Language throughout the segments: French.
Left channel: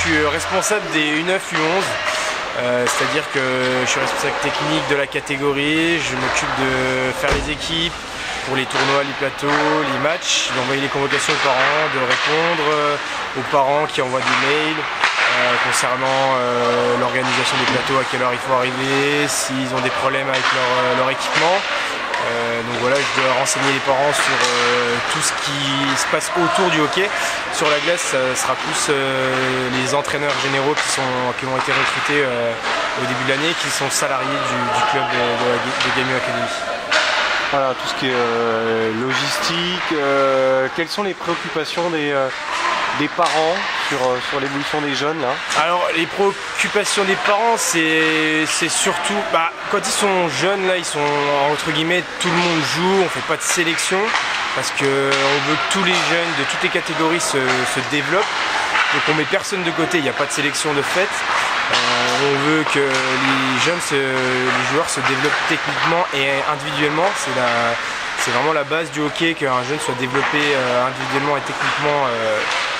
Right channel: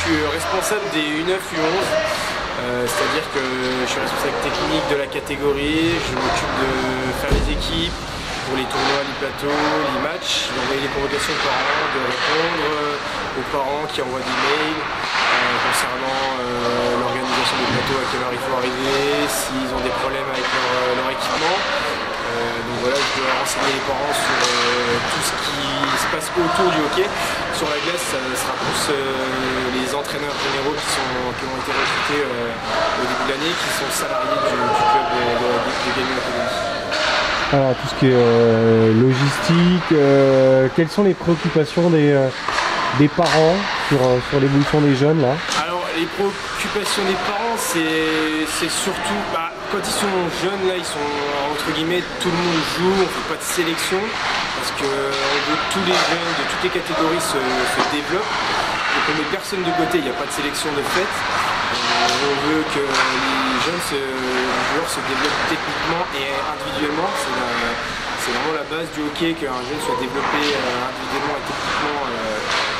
suis responsable des U9, U11. C'est-à-dire que je suis responsable technique de la catégorie, je m'occupe de faire les équipes pour les tournois, les plateaux, les matchs, d'envoyer les convocations aux parents, de répondre aux parents qui envoient des mails concernant l'organisation des plateaux, à quelle heure il faut arriver, s'ils ont des problèmes avec leur équipement. Donc voilà, je dois renseigner les parents sur tout ce qui se passe autour du hockey. Sur la glace, ça sera plus les entraîneurs généraux qui ont été recrutés au début de l'année, qui sont salariés du club de Gaming Academy. Voilà, tout ce qui est logistique, quelles sont les préoccupations des parents sur l'évolution des jeunes là? Alors les préoccupations des parents, c'est surtout quand ils sont jeunes là, ils sont entre guillemets, tout le monde joue, on fait pas de sélection parce qu'on veut que tous les jeunes de toutes les catégories se développent. Donc on met personne de côté, il n'y a pas de sélection de fait. On veut que les joueurs se développent techniquement et individuellement. C'est vraiment la base du hockey, qu'un jeune soit développé individuellement et techniquement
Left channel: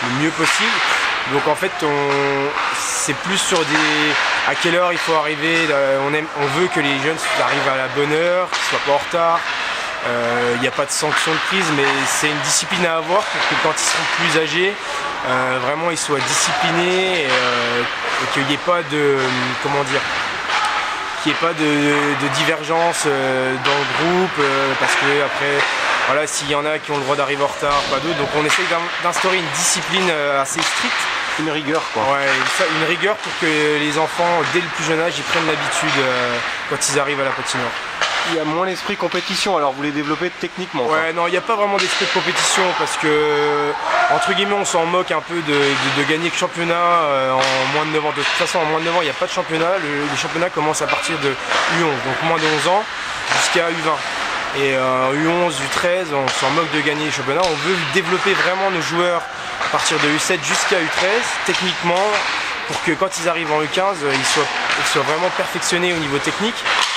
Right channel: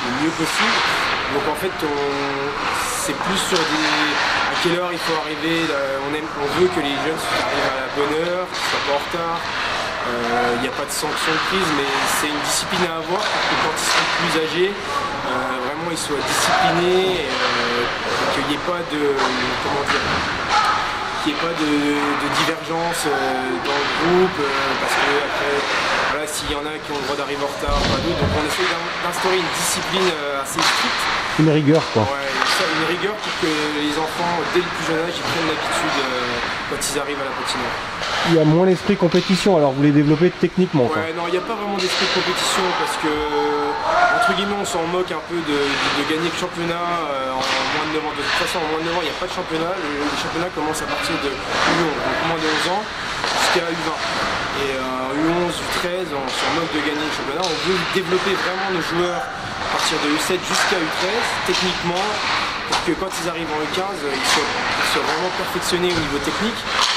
le mieux possible. Donc en fait, c'est plus sur à quelle heure il faut arriver. On veut que les jeunes arrivent à la bonne heure, qu'ils ne soient pas en retard. Il n'y a pas de sanction de prise, mais c'est une discipline à avoir pour que quand ils seront plus âgés, vraiment ils soient disciplinés et qu'il n'y ait pas de, qu'il n'y ait pas de divergence dans le groupe, parce que après, voilà, s'il y en a qui ont le droit d'arriver en retard, pas d'autres, donc on essaye d'instaurer une discipline assez stricte. Une rigueur quoi. Ouais, une rigueur pour que les enfants, dès le plus jeune âge, ils prennent l'habitude quand ils arrivent à la patinoire. Il y a moins l'esprit compétition, alors vous les développez techniquement quoi. Ouais, non, il n'y a pas vraiment d'esprit de compétition parce que, entre guillemets, on s'en moque un peu de gagner le championnat en moins de 9 ans. De toute façon, en moins de 9 ans, il n'y a pas de championnat. Le championnat commence à partir de U11, donc moins de 11 ans jusqu'à U20. Et U11, U13, on s'en moque de gagner le championnat. On veut développer vraiment nos joueurs à partir de U7 jusqu'à U13, techniquement, pour que quand ils arrivent en U15, ils soient vraiment perfectionnés au niveau technique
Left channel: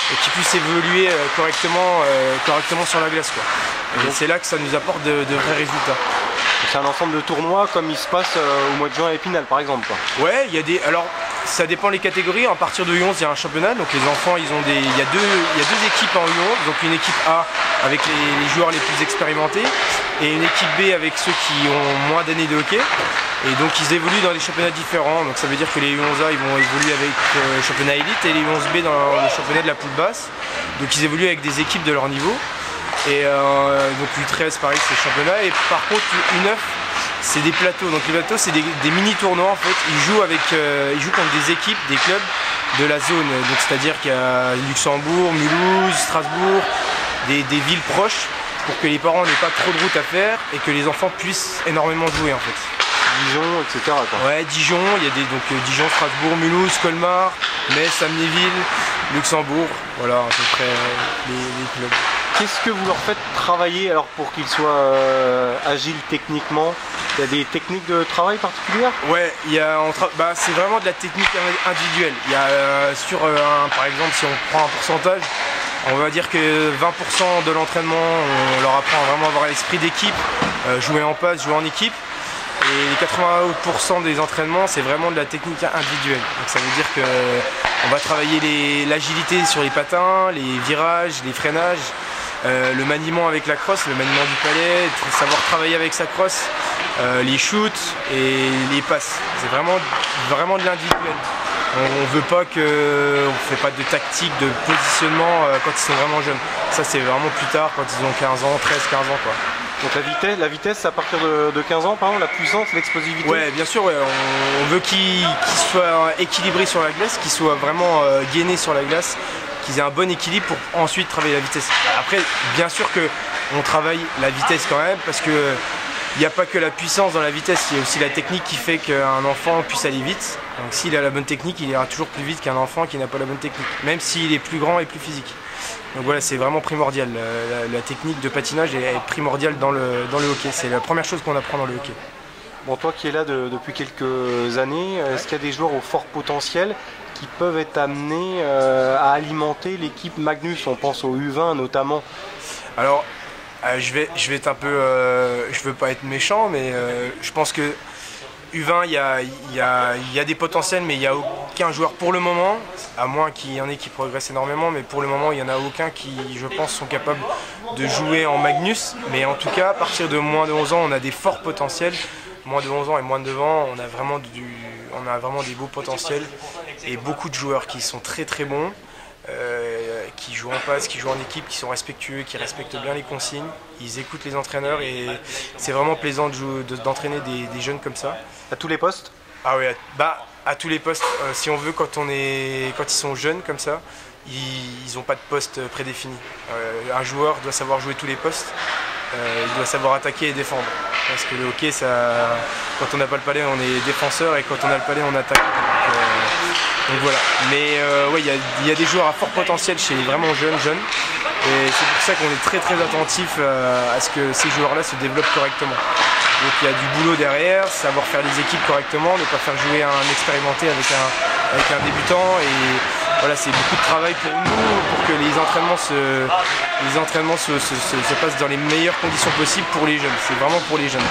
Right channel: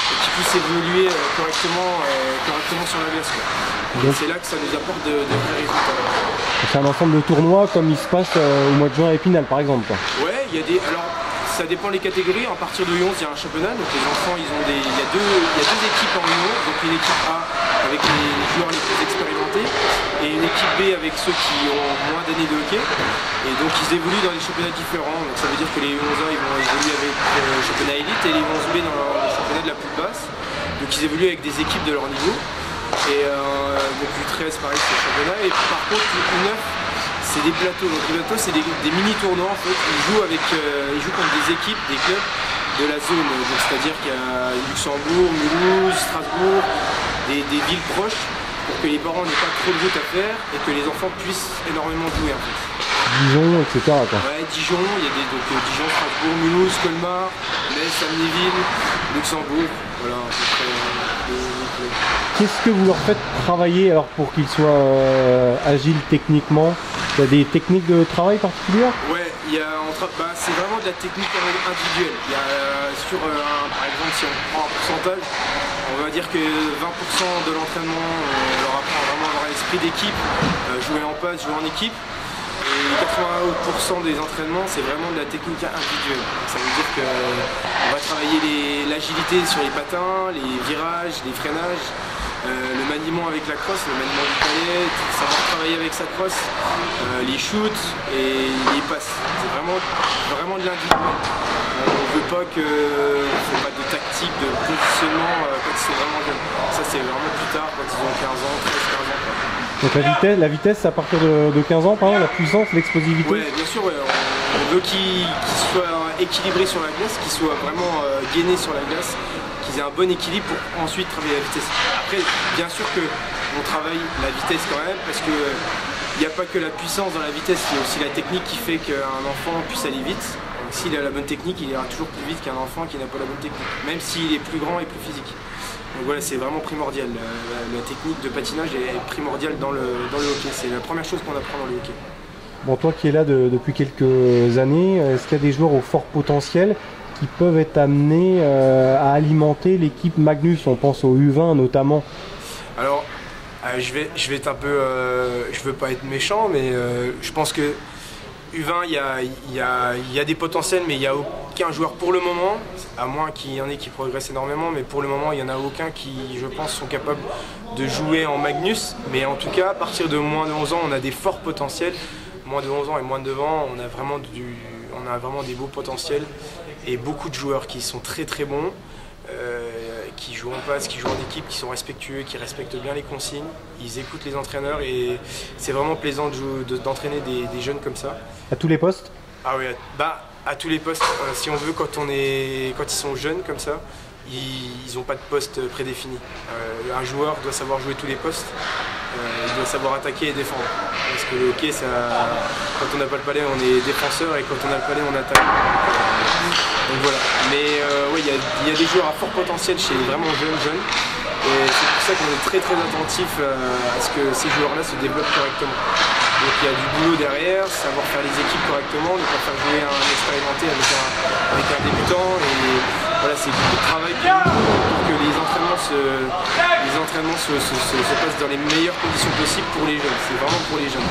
et qu'ils puissent évoluer correctement sur la glace, quoi. Et c'est là que ça nous apporte de vrais résultats. C'est un ensemble de tournois comme il se passe au mois de juin à Épinal par exemple quoi. Ouais, alors ça dépend des catégories. À partir de U11, il y a un championnat, donc les enfants, il y a deux équipes en U11, donc une équipe A avec les joueurs les plus expérimentés et une équipe B avec ceux qui ont moins d'années de hockey. Et donc ils évoluent dans des championnats différents, donc ça veut dire que les U11A ils vont évoluer avec le championnat élite et les U11B dans le championnat de la poule basse. Donc ils évoluent avec des équipes de leur niveau. Et donc U13 pareil c'est le championnat. Et par contre U9 c'est des plateaux, donc les plateaux c'est des mini tournois en fait. Ils jouent contre des équipes, des clubs de la zone. Donc c'est-à-dire qu'il y a Luxembourg, Mulhouse, Strasbourg, des villes proches pour que les parents n'aient pas trop de route à faire et que les enfants puissent énormément jouer en fait. Dijon, etc. quoi. Ouais, Dijon, il y a Dijon, Strasbourg, Mulhouse, Colmar, Metz, Amnéville, Luxembourg, voilà à peu près les clubs. Qu'est-ce que vous leur faites travailler alors pour qu'ils soient agiles techniquement? Il y a des techniques de travail particulières? Ouais, c'est vraiment de la technique individuelle. Il y a par exemple, si on prend un pourcentage, on va dire que 20% de l'entraînement, on leur apprend à vraiment avoir l'esprit d'équipe, jouer en passe, jouer en équipe. Et les 80% des entraînements, c'est vraiment de la technique individuelle. Donc ça veut dire qu'on va travailler l'agilité sur les patins, les virages, les freinages, le maniement avec la crosse, le maniement du palais, savoir travailler avec sa crosse, les shoots et les passes. C'est vraiment de l'individuel. On veut pas on fait pas de tactique, de positionnement quand ils sont vraiment jeunes. Ça c'est vraiment plus tard, quand ils ont 15 ans, 13-15 ans quoi. Donc la vitesse c'est à partir de 15 ans par exemple, la puissance, l'explosivité? Ouais, bien sûr, ouais. On veut qu'ils soient équilibrés sur la glace, qu'ils soient vraiment gainés sur la glace, qu'ils aient un bon équilibre pour ensuite travailler la vitesse. Après, bien sûr qu'on travaille la vitesse quand même, parce que il n'y a pas que la puissance dans la vitesse, il y a aussi la technique qui fait qu'un enfant puisse aller vite. Donc s'il a la bonne technique, il ira toujours plus vite qu'un enfant qui n'a pas la bonne technique, même s'il est plus grand et plus physique. Donc voilà, c'est vraiment primordial. La technique de patinage est primordiale dans le hockey. C'est la première chose qu'on apprend dans le hockey. Bon, toi qui es là depuis quelques années, est-ce qu'il y a des joueurs au fort potentiel qui peuvent être amenés à alimenter l'équipe Magnus? On pense au U20 notamment. Alors, je vais être un peu... je veux pas être méchant, mais je pense que U20, il y a des potentiels, mais il n'y a aucun joueur pour le moment, à moins qu'il y en ait qui progressent énormément, mais pour le moment, il n'y en a aucun qui, je pense, sont capables de jouer en Magnus. Mais en tout cas, à partir de moins de 11 ans, on a des forts potentiels. Moins de 11 ans et moins de 9 ans, on a vraiment des beaux potentiels et beaucoup de joueurs qui sont très très bons, qui jouent en passe, qui jouent en équipe, qui sont respectueux, qui respectent bien les consignes. Ils écoutent les entraîneurs et c'est vraiment plaisant d'entraîner des jeunes comme ça. À tous les postes? Ah oui, à tous les postes, si on veut, quand ils sont jeunes comme ça, ils n'ont pas de poste prédéfini. Un joueur doit savoir jouer tous les postes, il doit savoir attaquer et défendre. Parce que le hockey, quand on n'a pas le palais, on est défenseur et quand on a le palais, on attaque. Donc voilà. Mais ouais, il y a des joueurs à fort potentiel chez les vraiment jeunes. Et c'est pour ça qu'on est très très attentif à ce que ces joueurs-là se développent correctement. Donc il y a du boulot derrière, savoir faire les équipes correctement, ne pas faire jouer un expérimenté avec un débutant. Et voilà, c'est beaucoup de travail pour nous, pour que les entraînements se passent dans les meilleures conditions possibles pour les jeunes. C'est vraiment pour les jeunes.